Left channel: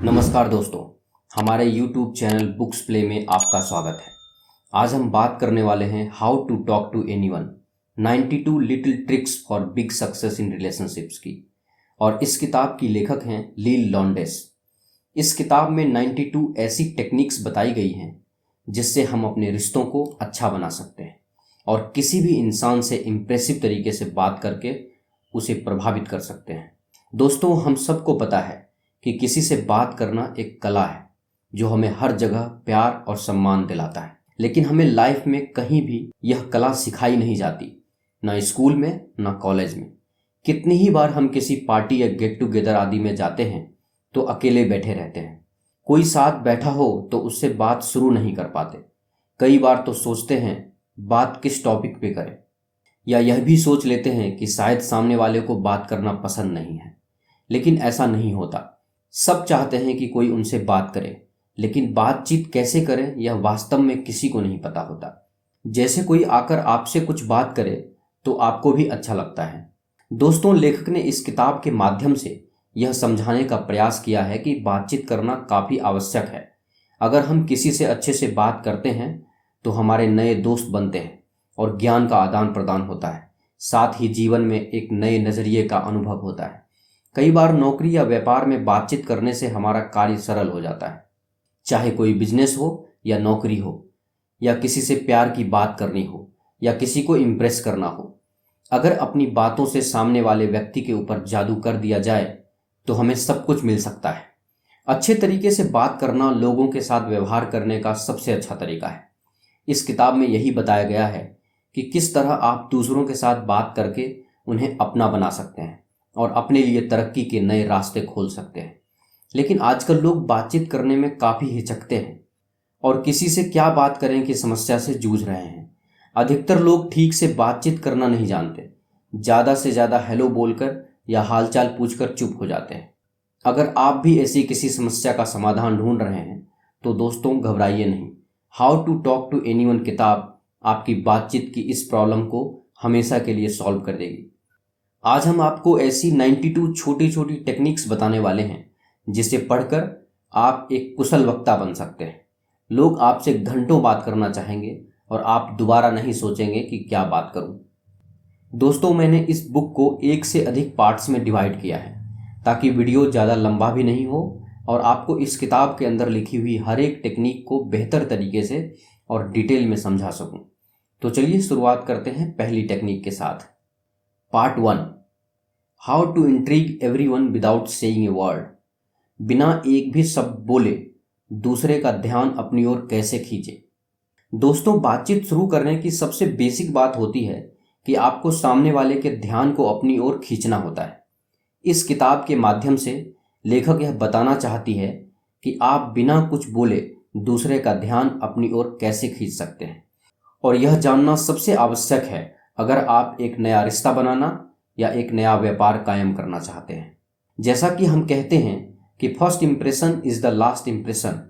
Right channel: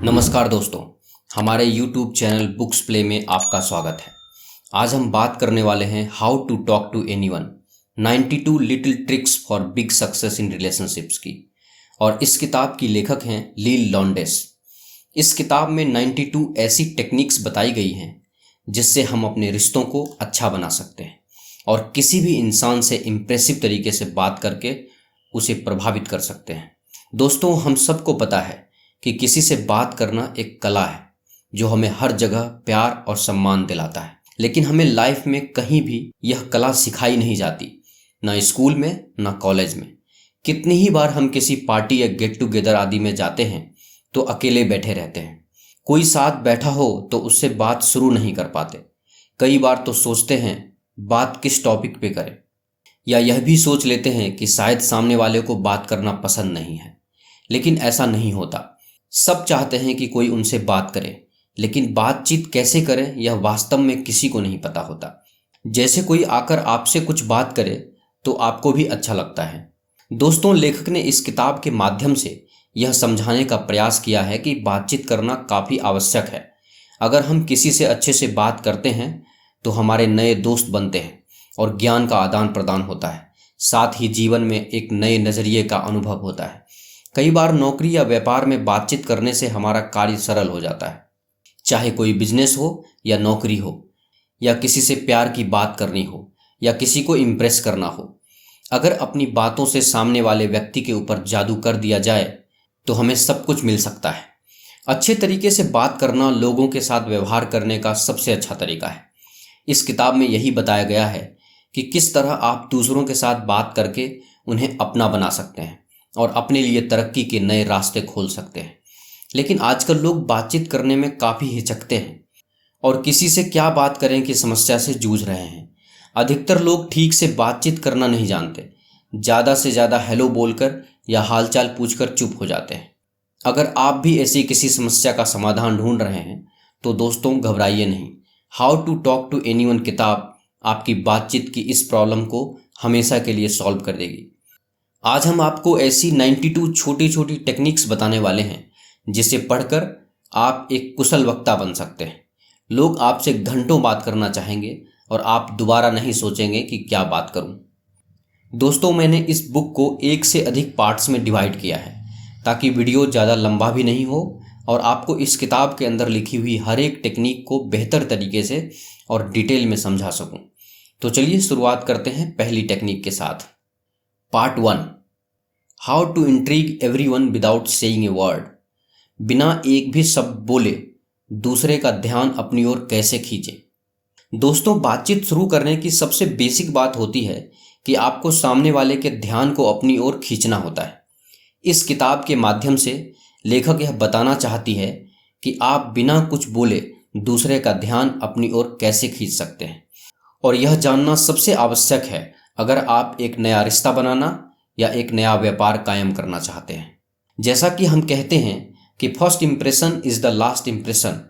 नमस्कार दोस्तों, हमारे YouTube चैनल बुक्स प्ले में आपका स्वागत है। आज हम बात करने वाले हैं how to talk to anyone 92 little tricks for big success in relationships की। और इस किताब की लेखक हैं लील लॉन्डेस। इस किताब में 92 ऐसी टेक्निक्स बताई गई हैं जिससे हम अपने रिश्तों को अच्छा बना सकते हैं और किसी भी इंसान से इम्प्रेसिव तरीके से बात करके उसे प्रभावित कर सकते हैं। दोस्तों, हम सबको पता है कि किसी से बात करना एक कला है जो हमें हर जगह प्यार और सम्मान दिलाता है, लेकिन हमें लाइफ में कहीं भी यह कला सिखाई नहीं जाती, ना स्कूल में ना कॉलेज में। कितनी ही बार हम किसी पार्टी या गेट टुगेदर आदि में जाते हैं तो अकेले बैठे रहते हैं। कोई साथ बैठा हो तो उससे बात शुरू नहीं कर पाते। कई बार तो सोचते हैं बात किस टॉपिक पे करें, या यह भी सोच लेते हैं कि शायद सामने वाले को बात करना पसंद नहीं है। लेकिन ऐसा नहीं होता। सब चाहते हैं कि कोई उनसे बात करे, लेकिन बातचीत कैसे करें यह वास्तव में किसी को नहीं पता होता। जैसे कोई आकर आपसे कुछ बात करे तो आपको भी अच्छा लगता है। दोस्तों, लेखक ने इस किताब के माध्यम से यह समझाने का प्रयास किया है कि बातचीत करना काफ़ी आवश्यक है। अगर हम किसी से अच्छे से बात करते हैं तो हमारे नए दोस्त बनते हैं और ज्ञान का आदान प्रदान होता है। साथ ही जीवन में एक नए नज़रिए का अनुभव होता है। कई बार नौकरी या व्यापार में बातचीत करने से हमारा कार्य सरल हो जाता है। चाहे कोई बिजनेस हो या नौकरी हो, या किसी से प्यार की बात करनी हो, या किसी को इम्प्रेस करना हो। अगर अपनी बातों से सामने वाले व्यक्ति के ऊपर जादू कर दिया जाए तो हमें सब कुछ मिल सकता है। अच्छे तरीके से बात करना लोगों के साथ व्यवहार करने का सबसे अच्छा तरीका है। इस किताब में यही बताया गया है कि किस तरह आप दूसरों के साथ बात करके उन्हें अपना बना सकते हैं और अपने लिए तरक्की के नए रास्ते खोल सकते हैं। लेकिन आजकल लोग बातचीत करने में काफ़ी हिचकते हैं और किसी से क्या बात करें की समस्या से जूझ रहे हैं। अधिकतर लोग ठीक से बातचीत करना नहीं जानते। ज़्यादा से ज़्यादा हेलो बोलकर या हालचाल पूछकर चुप हो जाते हैं। अगर आप भी ऐसी किसी समस्या का समाधान ढूंढ रहे हैं तो दोस्तों, घबराइए नहीं। How to talk to anyone किताब आपकी बातचीत की इस प्रॉब्लम को हमेशा के लिए सॉल्व कर देगी। आज हम आपको ऐसी 92 छोटी छोटी टेक्निक्स बताने वाले हैं जिसे पढ़कर आप एक कुशल वक्ता बन सकते हैं। लोग आपसे घंटों बात करना चाहेंगे और आप दोबारा नहीं सोचेंगे कि क्या बात करूं। दोस्तों, मैंने इस बुक को एक से अधिक पार्ट्स में डिवाइड किया है ताकि वीडियो ज़्यादा लंबा भी नहीं हो और आपको इस किताब के अंदर लिखी हुई हर एक टेक्निक को बेहतर तरीके से और डिटेल में समझा सकूं। तो चलिए शुरुआत करते हैं पहली टेक्निक के साथ। Part 1, how to intrigue everyone without saying a word. बिना एक भी शब्द बोले दूसरे का ध्यान अपनी ओर कैसे खींचे। दोस्तों, बातचीत शुरू करने की सबसे बेसिक बात होती है कि आपको सामने वाले के ध्यान को अपनी ओर खींचना होता है। इस किताब के माध्यम से लेखक यह बताना चाहती है कि आप बिना कुछ बोले दूसरे का ध्यान अपनी ओर कैसे खींच सकते हैं। और यह जानना सबसे आवश्यक है अगर आप एक नया रिश्ता बनाना या एक नया व्यापार कायम करना चाहते हैं। जैसा कि हम कहते हैं कि first impression is the last impression,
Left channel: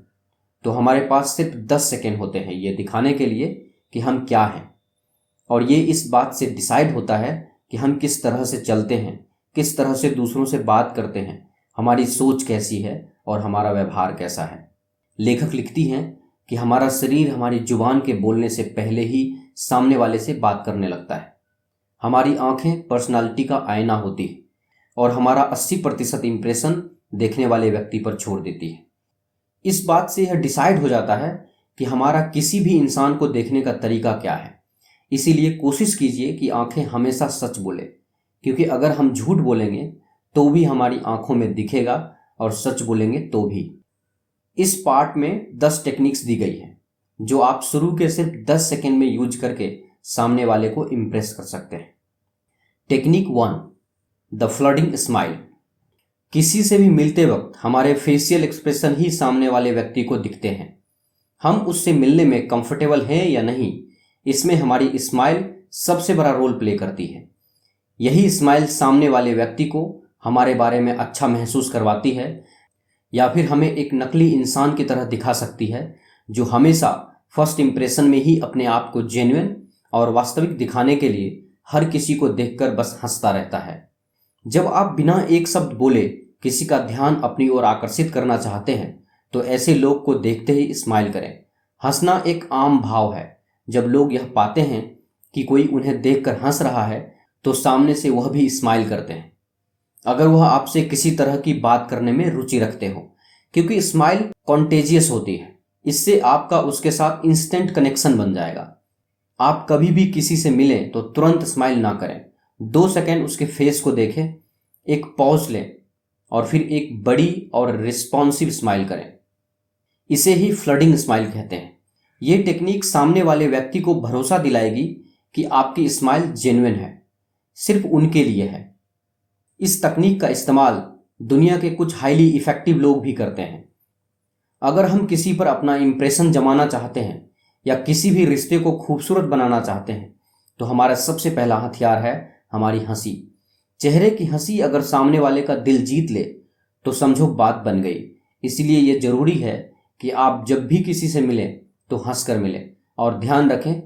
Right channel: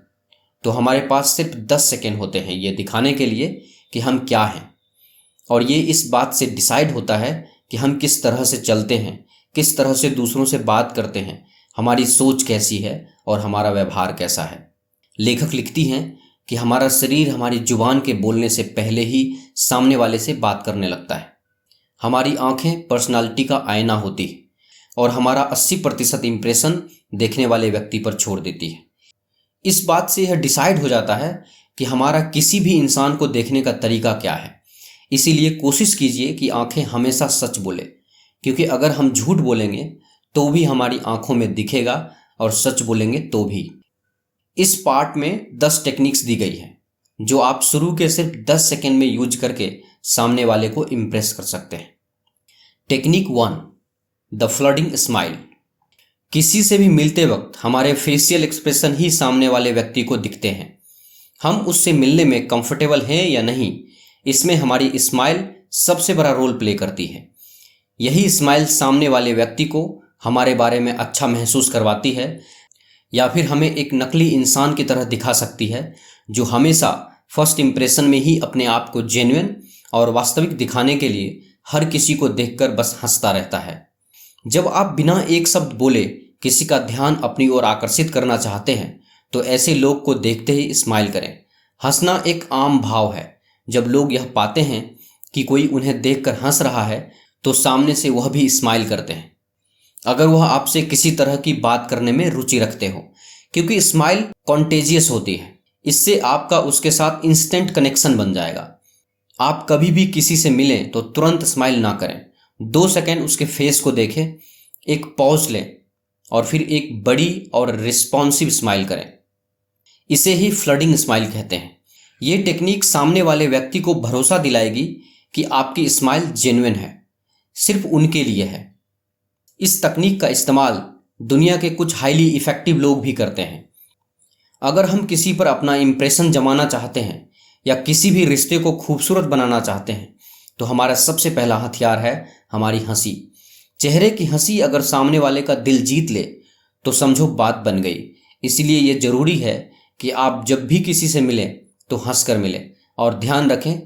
तो हमारे पास सिर्फ 10 सेकेंड होते हैं ये दिखाने के लिए कि हम क्या हैं। और ये इस बात से डिसाइड होता है कि हम किस तरह से चलते हैं, किस तरह से दूसरों से बात करते हैं, हमारी सोच कैसी है और हमारा व्यवहार कैसा है। लेखक लिखती हैं कि हमारा शरीर हमारी जुबान के बोलने से पहले ही सामने वाले से बात करने लगता है। हमारी आंखें पर्सनालिटी का आईना होती है और हमारा 80% इम्प्रेशन देखने वाले व्यक्ति पर छोड़ देती है। इस बात से यह डिसाइड हो जाता है कि हमारा किसी भी इंसान को देखने का तरीका क्या है। इसीलिए कोशिश कीजिए कि आंखें हमेशा सच बोले, क्योंकि अगर हम झूठ बोलेंगे तो भी हमारी आंखों में दिखेगा और सच बोलेंगे तो भी। इस पार्ट में 10 टेक्निक्स दी गई हैं जो आप शुरू के सिर्फ 10 सेकेंड में यूज करके सामने वाले को इम्प्रेस कर सकते हैं। Technique 1, the flooding smile. किसी से भी मिलते वक्त हमारे फेशियल एक्सप्रेशन ही सामने वाले व्यक्ति को दिखते हैं। हम उससे मिलने में कंफर्टेबल हैं या नहीं, इसमें हमारी स्माइल सबसे बड़ा रोल प्ले करती है। यही स्माइल सामने वाले व्यक्ति को हमारे बारे में अच्छा महसूस करवाती है या फिर हमें एक नकली इंसान की तरह दिखा सकती है जो हमेशा फर्स्ट इम्प्रेशन में ही अपने आप को जेन्युइन और वास्तविक दिखाने के लिए हर किसी को देखकर बस हंसता रहता है। जब आप बिना एक शब्द बोले किसी का ध्यान अपनी ओर आकर्षित करना चाहते हैं तो ऐसे लोग को देखते ही स्माइल करें। हंसना एक आम भाव है। जब लोग यह पाते हैं कि कोई उन्हें देखकर हंस रहा है तो सामने से वह भी स्माइल करते हैं। अगर वह आपसे किसी तरह की बात करने में रुचि रखते हो, क्योंकि स्माइल कॉन्टेजियस होती है, इससे आपका उसके साथ इंस्टेंट कनेक्शन बन जाएगा। आप कभी भी किसी से मिलें तो तुरंत स्माइल ना करें। 2 सेकंड उसके फेस को देखें, एक पॉज लें और फिर एक बड़ी और रिस्पॉन्सिव स्माइल करें। इसे ही फ्लडिंग स्माइल कहते हैं। ये टेक्निक सामने वाले व्यक्ति को भरोसा दिलाएगी कि आपकी स्माइल जेन्युइन है, सिर्फ उनके लिए है। इस तकनीक का इस्तेमाल दुनिया के कुछ हाईली इफेक्टिव लोग भी करते हैं। अगर हम किसी पर अपना इंप्रेशन जमाना चाहते हैं या किसी भी रिश्ते को खूबसूरत बनाना चाहते हैं तो हमारा सबसे पहला हथियार है हमारी हंसी। चेहरे की हंसी अगर सामने वाले का दिल जीत ले तो समझो बात बन गई। इसीलिए यह जरूरी है कि आप जब भी किसी से मिलें तो हंस कर मिलें, और ध्यान रखें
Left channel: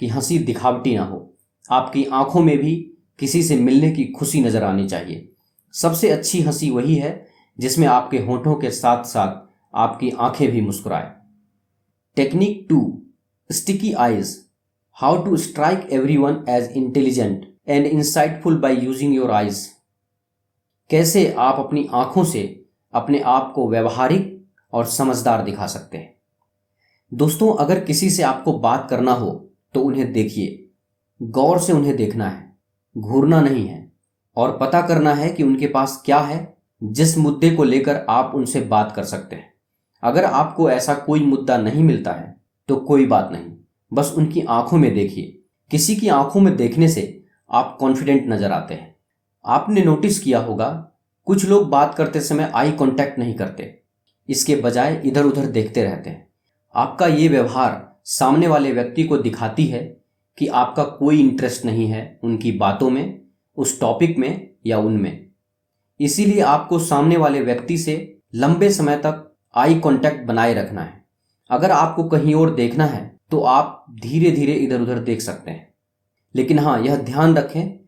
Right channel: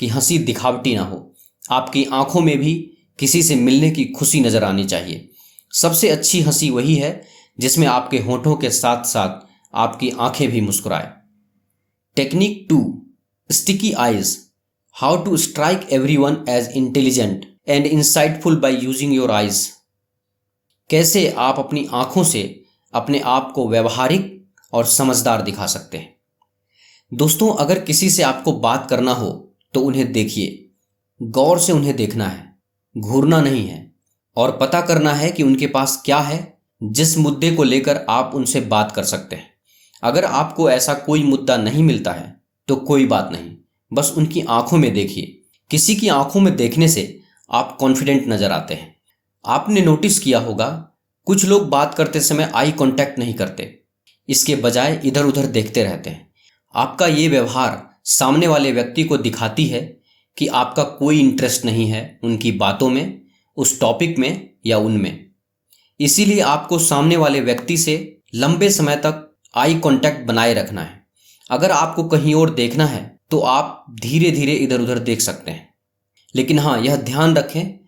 कि हंसी दिखावटी ना हो। आपकी आंखों में भी किसी से मिलने की खुशी नजर आनी चाहिए। सबसे अच्छी हंसी वही है जिसमें आपके होठों के साथ साथ आपकी आंखें भी मुस्कुराए। Technique 2, sticky eyes. How to strike everyone as intelligent and insightful by using your eyes. कैसे आप अपनी आंखों से अपने आप को व्यवहारिक और समझदार दिखा सकते हैं। दोस्तों, अगर किसी से आपको बात करना हो तो उन्हें देखिए, गौर से उन्हें देखना है, घूरना नहीं है, और पता करना है कि उनके पास क्या है जिस मुद्दे को लेकर आप उनसे बात कर सकते हैं। अगर आपको ऐसा कोई मुद्दा नहीं मिलता है तो कोई बात नहीं, बस उनकी आंखों में देखिए। किसी की आंखों में देखने से आप कॉन्फिडेंट नजर आते हैं। आपने नोटिस किया होगा कुछ लोग बात करते समय आई कांटेक्ट नहीं करते, इसके बजाय इधर उधर देखते रहते हैं। आपका ये व्यवहार सामने वाले व्यक्ति को दिखाती है कि आपका कोई इंटरेस्ट नहीं है उनकी बातों में, उस टॉपिक में या उनमें। इसीलिए आपको सामने वाले व्यक्ति से लंबे समय तक आई कांटेक्ट बनाए रखना है। अगर आपको कहीं और देखना है तो आप धीरे धीरे इधर उधर देख सकते हैं, लेकिन हाँ, यह ध्यान रखें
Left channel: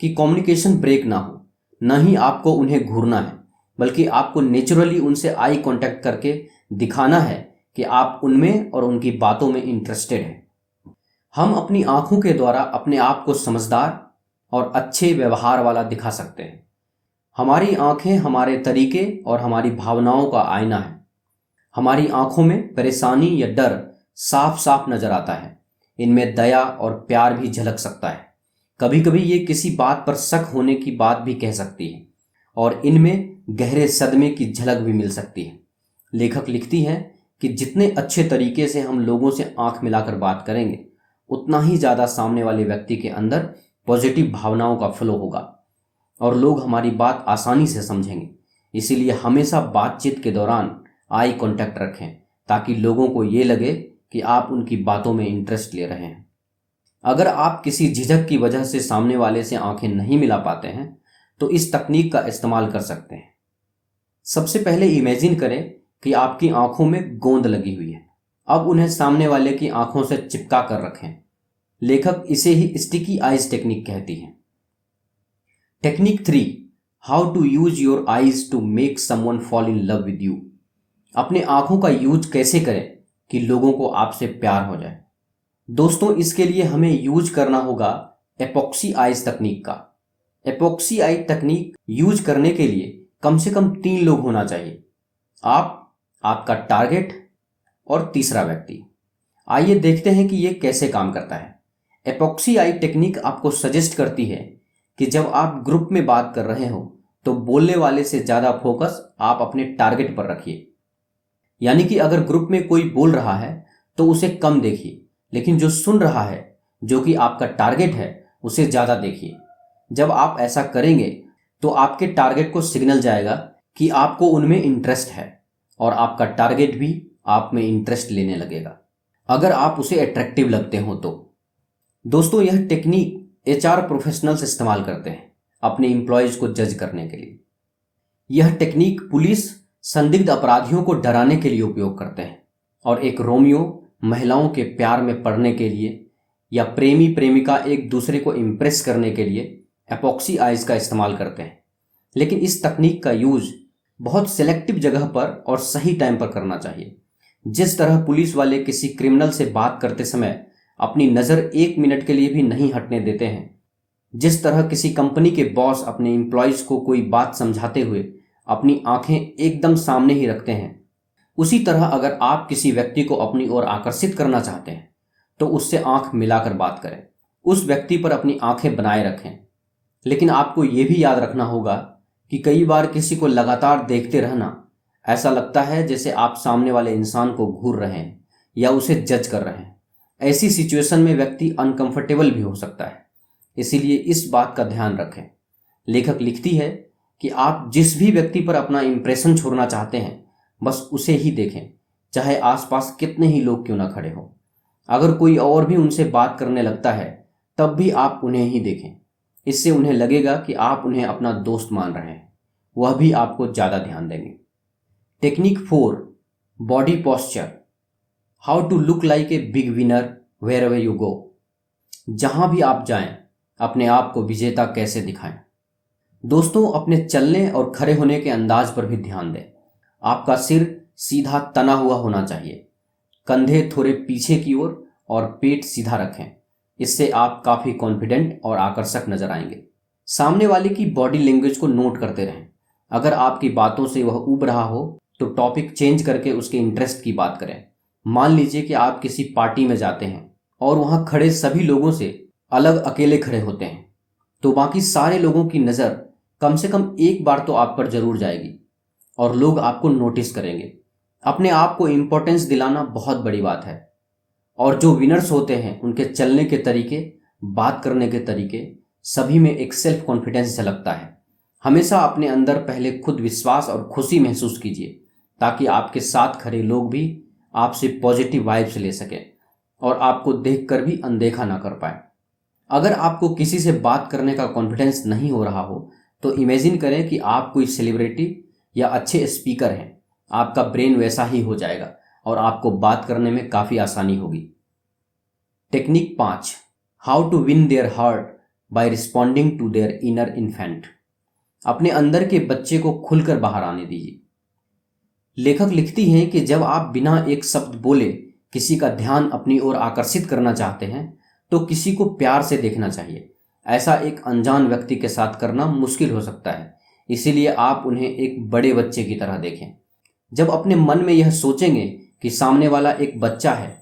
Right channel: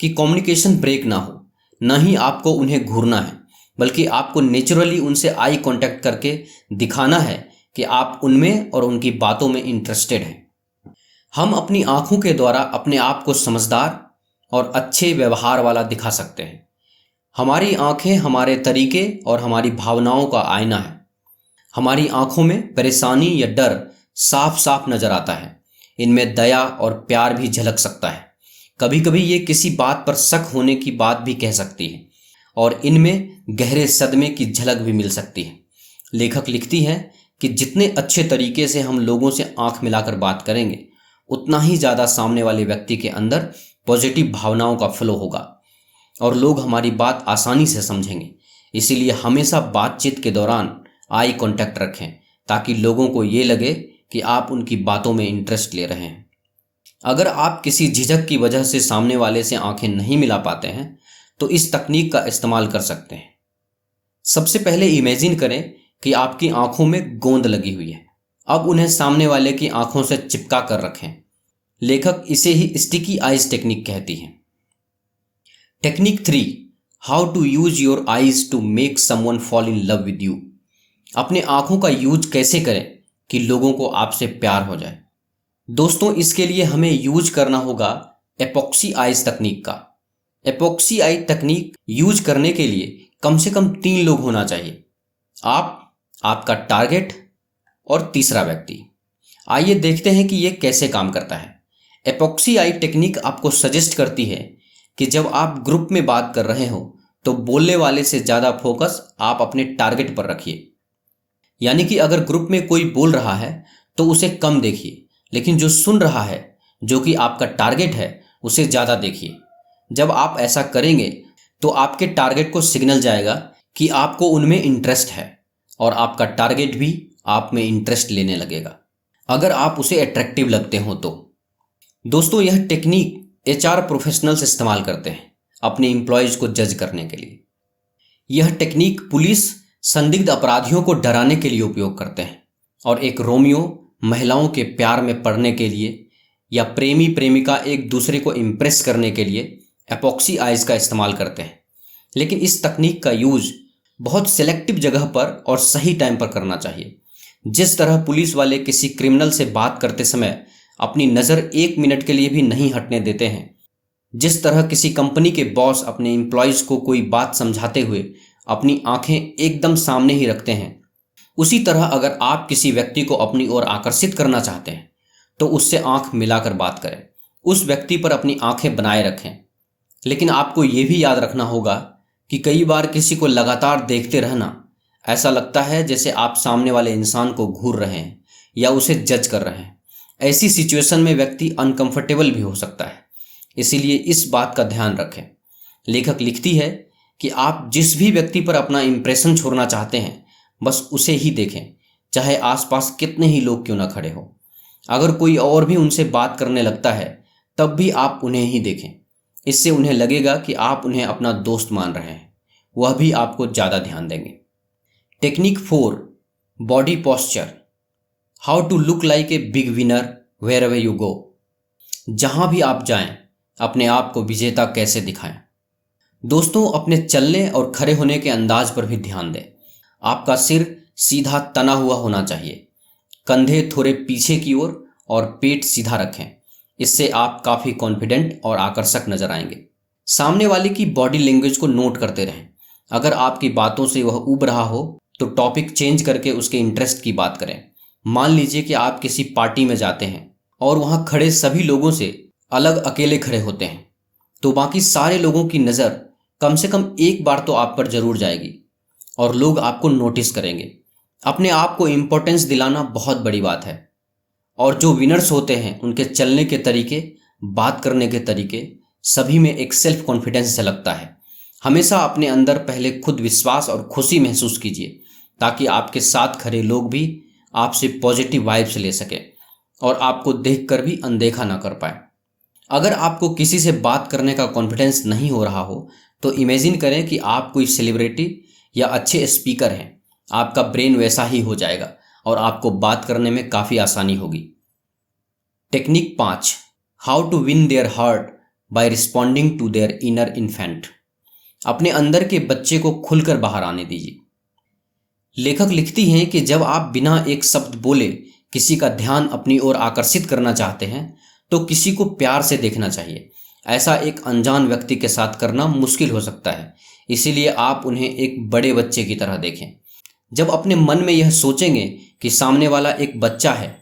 कि कम्युनिकेशन ब्रेक ना हो। न ही आपको उन्हें घूरना है, बल्कि आपको नेचुरली उनसे आई कांटेक्ट करके दिखाना है कि आप उनमें और उनकी बातों में इंटरेस्टेड हैं। हम अपनी आंखों के द्वारा अपने आप को समझदार और अच्छे व्यवहार वाला दिखा सकते हैं। हमारी आंखें हमारे तरीके और हमारी भावनाओं का आईना है। हमारी आंखों में परेशानी या डर साफ साफ नजर आता है। इनमें दया और प्यार भी झलक सकता है। कभी कभी ये किसी बात पर शक होने की बात भी कह सकती है, और इनमें गहरे सदमे की झलक भी मिल सकती है। लेखक लिखती है कि जितने अच्छे तरीके से हम लोगों से आंख मिलाकर बात करेंगे, उतना ही ज़्यादा सामने वाले व्यक्ति के अंदर पॉजिटिव भावनाओं का फ्लो होगा और लोग हमारी बात आसानी से समझेंगे। इसीलिए हमेशा बातचीत के दौरान आई कांटेक्ट रखें, ताकि लोगों को ये लगे कि आप उनकी बातों में इंटरेस्ट ले रहे हैं। अगर आप किसी झिझक की वजह से सामने वाले से आंखें नहीं मिला पाते हैं तो इस तकनीक का इस्तेमाल कर सकते हैं। सबसे पहले इमेजिन करें कि आपकी आंखों में गोंद लगी हुई है। अब उन्हें सामने वाले की आंखों से चिपका कर रखें। लेखक इसे ही स्टिकी आइज टेक्निक कहती है। Technique 3, how to use your eyes to make someone fall in love with you. अपने आंखों का यूज कैसे करें कि लोगों को आपसे प्यार हो जाए। दोस्तों, इसके लिए हमें यूज करना होगा एपॉक्सी आइज तकनीक का। एपॉक्सी आई तकनीक यूज करने के लिए कम से कम 3 लोग होना चाहिए, आप, आपका टारगेट और तीसरा व्यक्ति। आइए देखते हैं कि यह कैसे काम करता है। एपॉक्सी आई टेक्निक आपको सजेस्ट करती है कि जब आप ग्रुप में बात कर रहे हो तो बोलने वाले से ज़्यादा फोकस आप अपने टारगेट पर रखिए। यानी कि अगर ग्रुप में कोई बोल रहा है तो उसे कम देखिए, लेकिन जो सुन रहा है, जो कि आपका टारगेट है, उसे ज़्यादा देखिए। जब आप ऐसा करेंगे तो आपके टारगेट को सिग्नल जाएगा कि आपको उनमें इंटरेस्ट है और आपका टारगेट भी आप में इंटरेस्ट लेने लगेगा, अगर आप उसे अट्रैक्टिव लगते हो तो। दोस्तों, यह टेक्निक HR प्रोफेशनल्स इस्तेमाल करते हैं अपने एम्प्लॉयज को जज करने के लिए। यह टेक्निक पुलिस संदिग्ध अपराधियों को डराने के लिए उपयोग करते हैं, और एक रोमियो महिलाओं के प्यार में पड़ने के लिए या प्रेमी प्रेमिका एक दूसरे को इम्प्रेस करने के लिए एपॉक्सी आइज का इस्तेमाल करते हैं। लेकिन इस तकनीक का यूज बहुत सेलेक्टिव जगह पर और सही टाइम पर करना चाहिए। जिस तरह पुलिस वाले किसी क्रिमिनल से बात करते समय अपनी नज़र 1 मिनट के लिए भी नहीं हटने देते हैं, जिस तरह किसी कंपनी के बॉस अपने एम्प्लॉयज़ को कोई बात समझाते हुए अपनी आंखें एकदम सामने ही रखते हैं, उसी तरह अगर आप किसी व्यक्ति को अपनी ओर आकर्षित करना चाहते हैं तो उससे आंख मिलाकर बात करें, उस व्यक्ति पर अपनी आंखें बनाए रखें। लेकिन आपको ये भी याद रखना होगा कि कई बार किसी को लगातार देखते रहना ऐसा लगता है जैसे आप सामने वाले इंसान को घूर रहे हैं या उसे जज कर रहे हैं। ऐसी सिचुएशन में व्यक्ति अनकंफर्टेबल भी हो सकता है, इसीलिए इस बात का ध्यान रखें। लेखक लिखती है कि आप जिस भी व्यक्ति पर अपना इंप्रेशन छोड़ना चाहते हैं बस उसे ही देखें, चाहे आसपास कितने ही लोग क्यों ना खड़े हों। अगर कोई और भी उनसे बात करने लगता है तब भी आप उन्हें ही देखें, इससे उन्हें लगेगा कि आप उन्हें अपना दोस्त मान रहे हैं, वह भी आपको ज़्यादा ध्यान देंगे। Technique 4, body posture. How to look like a big winner wherever you go. जहाँ भी आप जाएं अपने आप को विजेता कैसे दिखाएं। दोस्तों, अपने चलने और खड़े होने के अंदाज पर भी ध्यान दें। आपका सिर सीधा तना हुआ होना चाहिए, कंधे थोड़े पीछे की ओर और पेट सीधा रखें। इससे आप काफ़ी कॉन्फिडेंट और आकर्षक नजर आएंगे। सामने वाले की बॉडी लैंग्वेज को नोट करते रहें। अगर आपकी बातों से वह ऊब रहा हो तो टॉपिक चेंज करके उसके इंटरेस्ट की बात करें। मान लीजिए कि आप किसी पार्टी में जाते हैं और वहाँ खड़े सभी लोगों से अलग अकेले खड़े होते हैं, तो बाकी सारे लोगों की नज़र कम से कम एक बार तो आप पर जरूर जाएगी और लोग आपको नोटिस करेंगे। अपने आप को इम्पोर्टेंस दिलाना बहुत बड़ी बात है। और जो विनर्स होते हैं उनके चलने के तरीके, बात करने के तरीके, सभी में एक सेल्फ कॉन्फिडेंस झलकता है। हमेशा अपने अंदर पहले खुद विश्वास और खुशी महसूस कीजिए ताकि आपके साथ खड़े लोग भी आपसे पॉजिटिव वाइब्स ले सकें और आपको देखकर भी अनदेखा ना कर पाए। अगर आपको किसी से बात करने का कॉन्फिडेंस नहीं हो रहा हो तो इमेजिन करें कि आप कोई सेलिब्रिटी या अच्छे स्पीकर हैं। आपका ब्रेन वैसा ही हो जाएगा और आपको बात करने में काफ़ी आसानी होगी। Technique 5, how to win their heart by responding to their inner infant. अपने अंदर के बच्चे को खुलकर बाहर आने दीजिए। लेखक लिखती हैं कि जब आप बिना एक शब्द बोले किसी का ध्यान अपनी ओर आकर्षित करना चाहते हैं तो किसी को प्यार से देखना चाहिए। ऐसा एक अनजान व्यक्ति के साथ करना मुश्किल हो सकता है, इसीलिए आप उन्हें एक बड़े बच्चे की तरह देखें। जब अपने मन में यह सोचेंगे कि सामने वाला एक बच्चा है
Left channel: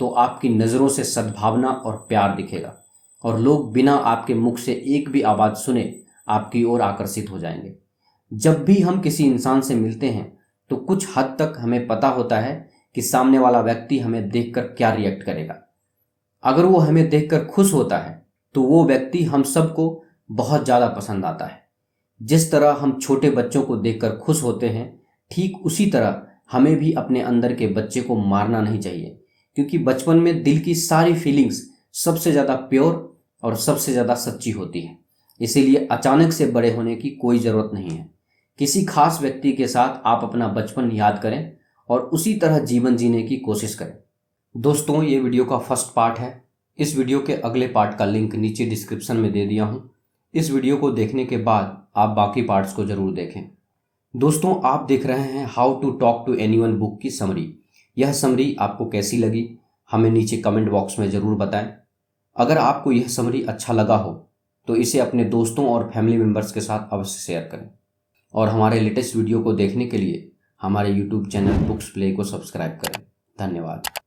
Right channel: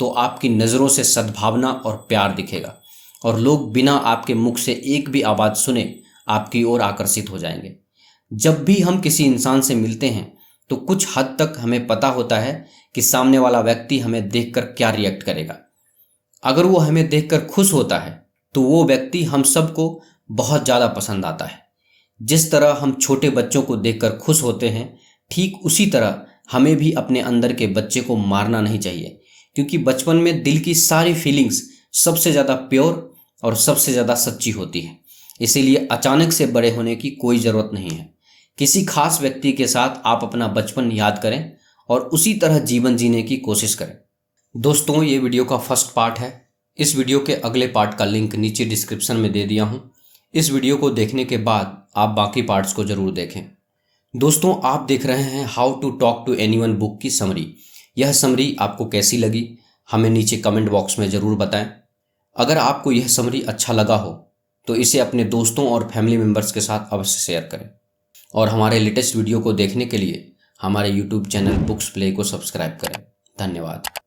तो आपकी नज़रों से सद्भावना और प्यार दिखेगा और लोग बिना आपके मुख से एक भी आवाज़ सुने आपकी ओर आकर्षित हो जाएंगे। जब भी हम किसी इंसान से मिलते हैं तो कुछ हद तक हमें पता होता है कि सामने वाला व्यक्ति हमें देखकर क्या रिएक्ट करेगा। अगर वो हमें देखकर खुश होता है तो वो व्यक्ति हम सबको बहुत ज़्यादा पसंद आता है। जिस तरह हम छोटे बच्चों को देखकर खुश होते हैं, ठीक उसी तरह हमें भी अपने अंदर के बच्चे को मारना नहीं चाहिए, क्योंकि बचपन में दिल की सारी फीलिंग्स सबसे ज़्यादा प्योर और सबसे ज़्यादा सच्ची होती है। इसीलिए अचानक से बड़े होने की कोई ज़रूरत नहीं है। किसी खास व्यक्ति के साथ आप अपना बचपन याद करें और उसी तरह जीवन जीने की कोशिश करें। दोस्तों, ये वीडियो का फर्स्ट पार्ट है। इस वीडियो के अगले पार्ट का लिंक नीचे डिस्क्रिप्शन में दे दिया हूँ। इस वीडियो को देखने के बाद आप बाकी पार्ट्स को ज़रूर देखें। दोस्तों, आप देख रहे हैं how to talk to anyone book की समरी। यह समरी आपको कैसी लगी हमें नीचे कमेंट बॉक्स में ज़रूर बताएं। अगर आपको यह समरी अच्छा लगा हो तो इसे अपने दोस्तों और फैमिली मेम्बर्स के साथ अवश्य शेयर करें और हमारे लेटेस्ट वीडियो को देखने के लिए हमारे YouTube चैनल बुक्स प्ले को सब्सक्राइब करें। धन्यवाद।